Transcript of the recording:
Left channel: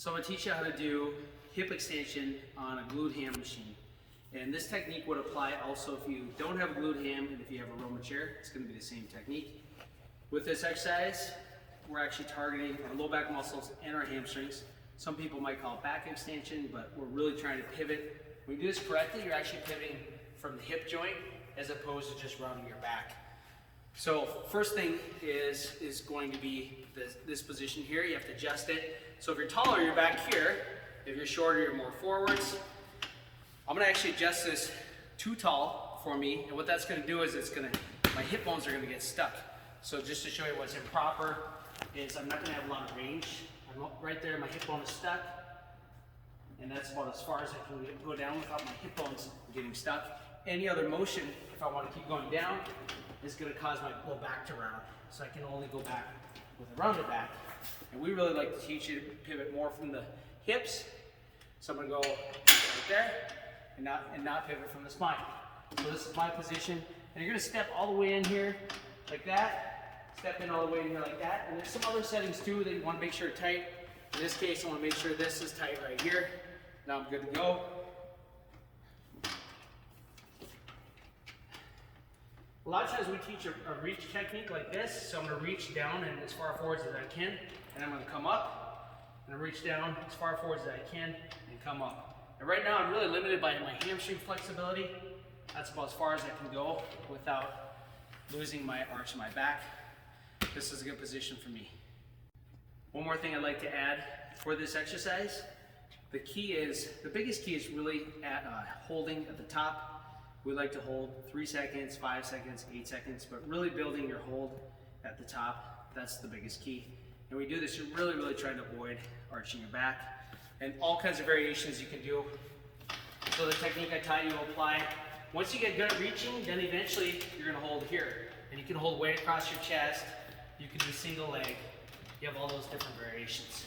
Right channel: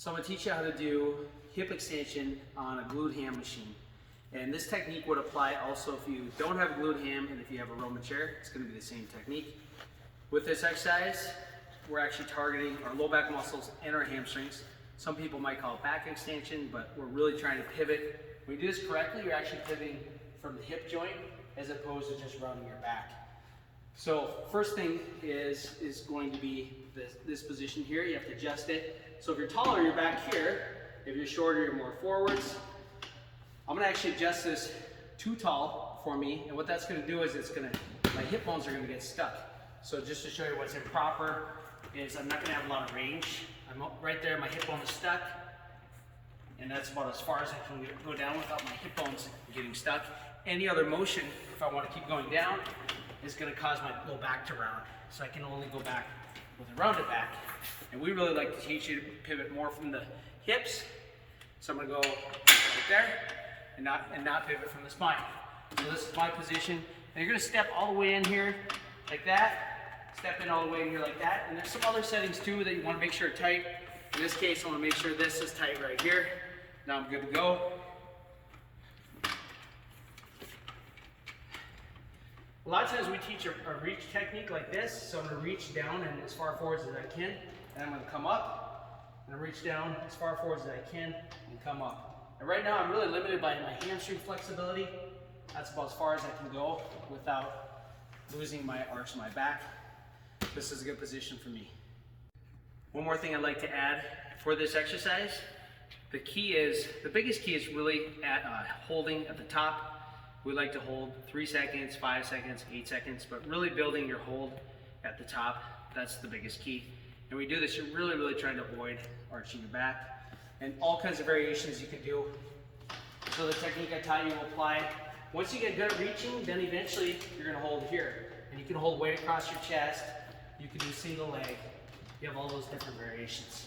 So I'm going to teach you how to do hip extension on a glute ham machine. And this technique would apply also if you don't have a glute ham and if you have a Roman chair. It's going to be the same technique. With this exercise, we're actually targeting our low back muscles and our hamstrings. Some people might call it back extension, but we're really trying to pivot. When you do this correctly, you're actually pivoting from the hip joint as opposed to just rounding your back. So first thing is going to be this position here. You have to adjust it. So if you're taller, you're back here. If you're shorter, you're more forwards. I'm gonna actually adjust this too tall for me, and what that's gonna do is my hip bones are gonna get stuck. So just to show you what's improper is I'm not gonna have a lot of range. I'm right there, my hip bone is stuck, and that's about as far as I can go down without my hip bones getting stuck. Any other motion, if I want to keep going down, is going to cause my low back to round. So I can only go back with a rounded back. And we really like to teach you to pivot more from the hips. So I'm going to go right there and not pivot from the spine. So this is my position. And you're going to step all the way in here like that. Step in all the way in here like that. And there's some other settings too that you want to make sure are tight. In this case, I want to make sure this is tight right here. Now I'm good to go. A lot of times we teach a reach technique like this. So I'm going to reach down and as far forwards as I can, and I'm going to come up and reach down as far forwards as I can and come up. And right now I'm really limited by my hamstring flexibility. That's about as far as I can go without losing my arch of my back. This is a good position for me. One more thing I'd like to add for this exercise. The biggest key is really at holding at the top. We like to hold 3 seconds, 5 seconds, 8 seconds, but really building your hold at the top, that's the biggest key. And we do this, you're really trying to avoid arching your back. And all kinds of variations you can do. So the technique I taught you will apply. Once you get good at reaching, then eventually you're gonna hold here. And you can hold weight across your chest, you can do single leg. You have all those different variations.